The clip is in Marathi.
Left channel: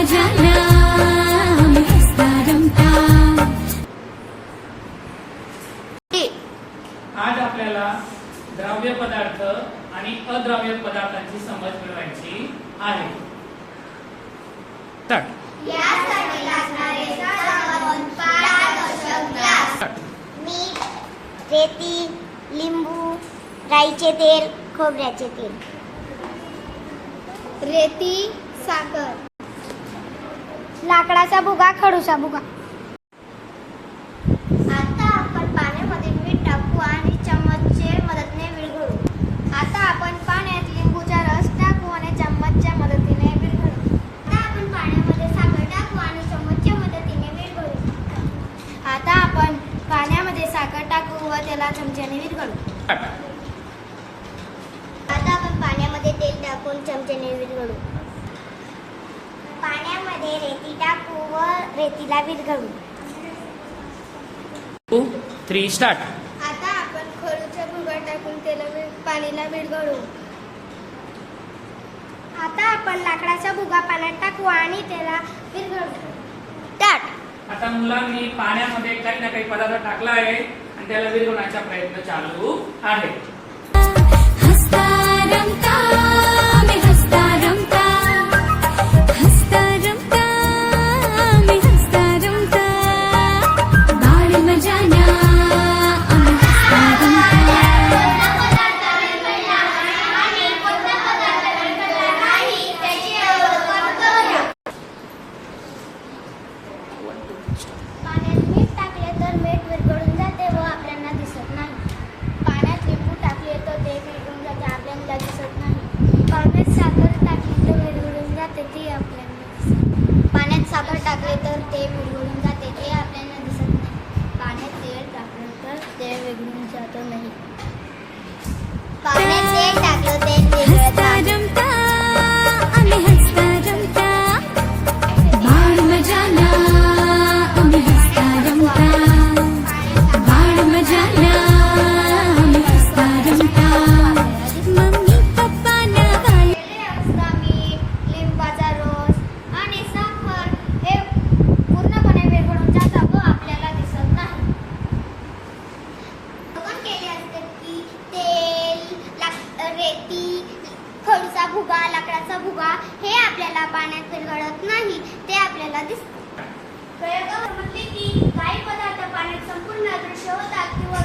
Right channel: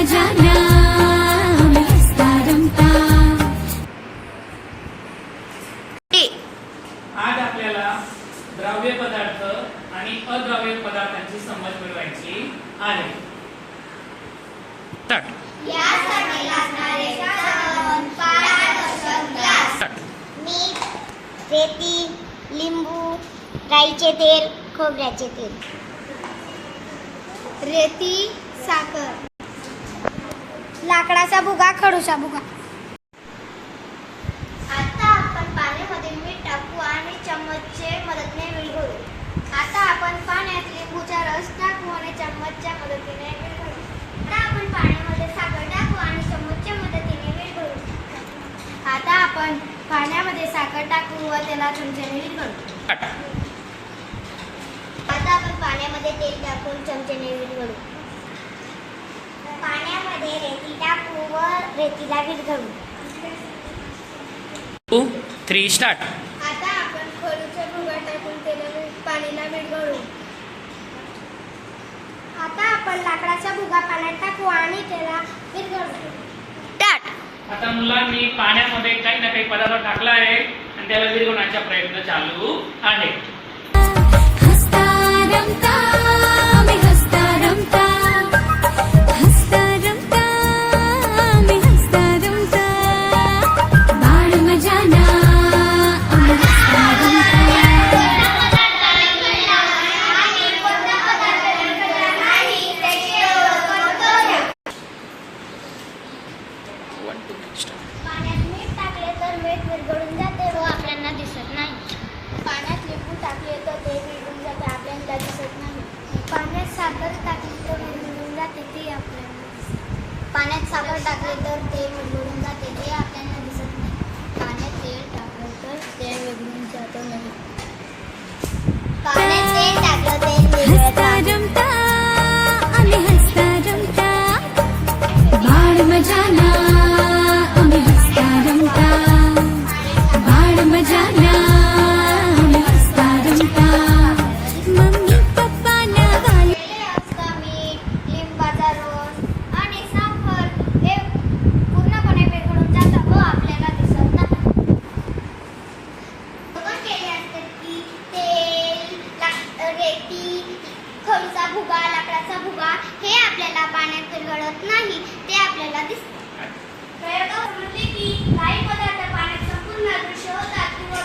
मजाला आम्ही हसता रमता. आज आपल्याला द्रव्य पदार्थ आणि अद्रव्य पदार्थांची समज मिळवायची आहे. यासाठी लागणारे साधन 5 ग्लास मीठ, रेती, लिंबू, राईचे तेल, खोबऱ्याचे तेल. रेती, साखर, लाकडाचा भुगा, खडूचा भुगा. आता आपण पाण्यामध्ये मीठ टाकू आणि चम्मचच्या मदतीने विरघळू. आता आपण पाण्यात लिंबूचा रस टाकू आणि चम्मचच्या मदतीने विरघळू. आता आपण पाण्यामध्ये साखर टाकू आणि चम्मचच्या मदतीने विरघळू. आता आपण पाण्यामध्ये साखर टाकू व त्याला चमच्याने विरघळू. आता आपण पाण्यामध्ये तेल टाकून चमच्याने विरघळू. पाण्यामध्ये रेती टाकू व रेतीला विरघळू. 2, 3 स्टार्ट. आता आपण खडूचा भुगा टाकून त्याला पाण्याला विरघळू. आता आपण लाकडाचा भुगा पाण्यात टाकू आणि त्याला विरघळू. आता मुलांनी पाण्यामध्ये काही ना काही पदार्थ टाकला आहे आणि त्याला विरघळण्याचा प्रयत्न चालू आहे. हसता रमता आम्ही हसता रमता. हसता रमता आम्ही हसता रमता. बाळ मजाला आम्ही हसता रमता. पाण्यात मीठ टाकले तर मीठ विरघळून जाते व आपल्याला दिसत नाही. पाण्यात लिंबू टाकले तर ते विरघळून जाते, आपल्याला दिसत नाही. पाण्यात साखर टाकली तर विरघळून जाते, ते आपल्याला दिसते. पाण्यात साखर टाकले तर ते विरघळून जाते, ते आपल्याला दिसत नाही. पाण्यात तेल टाकलं तर ते विरघळून जात नाही. पाण्यात तेल टाकलं ते हसता रमता आम्ही हसता रमता. बाळ मजाला आम्ही हसता रमता. बाळ मजाला आम्ही हसता रमता. मम्मी पप्पा नवाले असता मीठ, लिंबाचा रस आणि साखर हे पूर्णपणे विरघळून जातात व आपल्याला दिसत नाही. आपण केले असते की तेल, रेती, खडूचा भुगा, लाकडाचा भुगा हे आपल्याला पाण्यात विरघळत नाही, ते आपल्याला दिसते. प्रयोगावर म्हटले की काही पदार्थ पाण्यात संपूर्ण अदृश्य होतात किंवा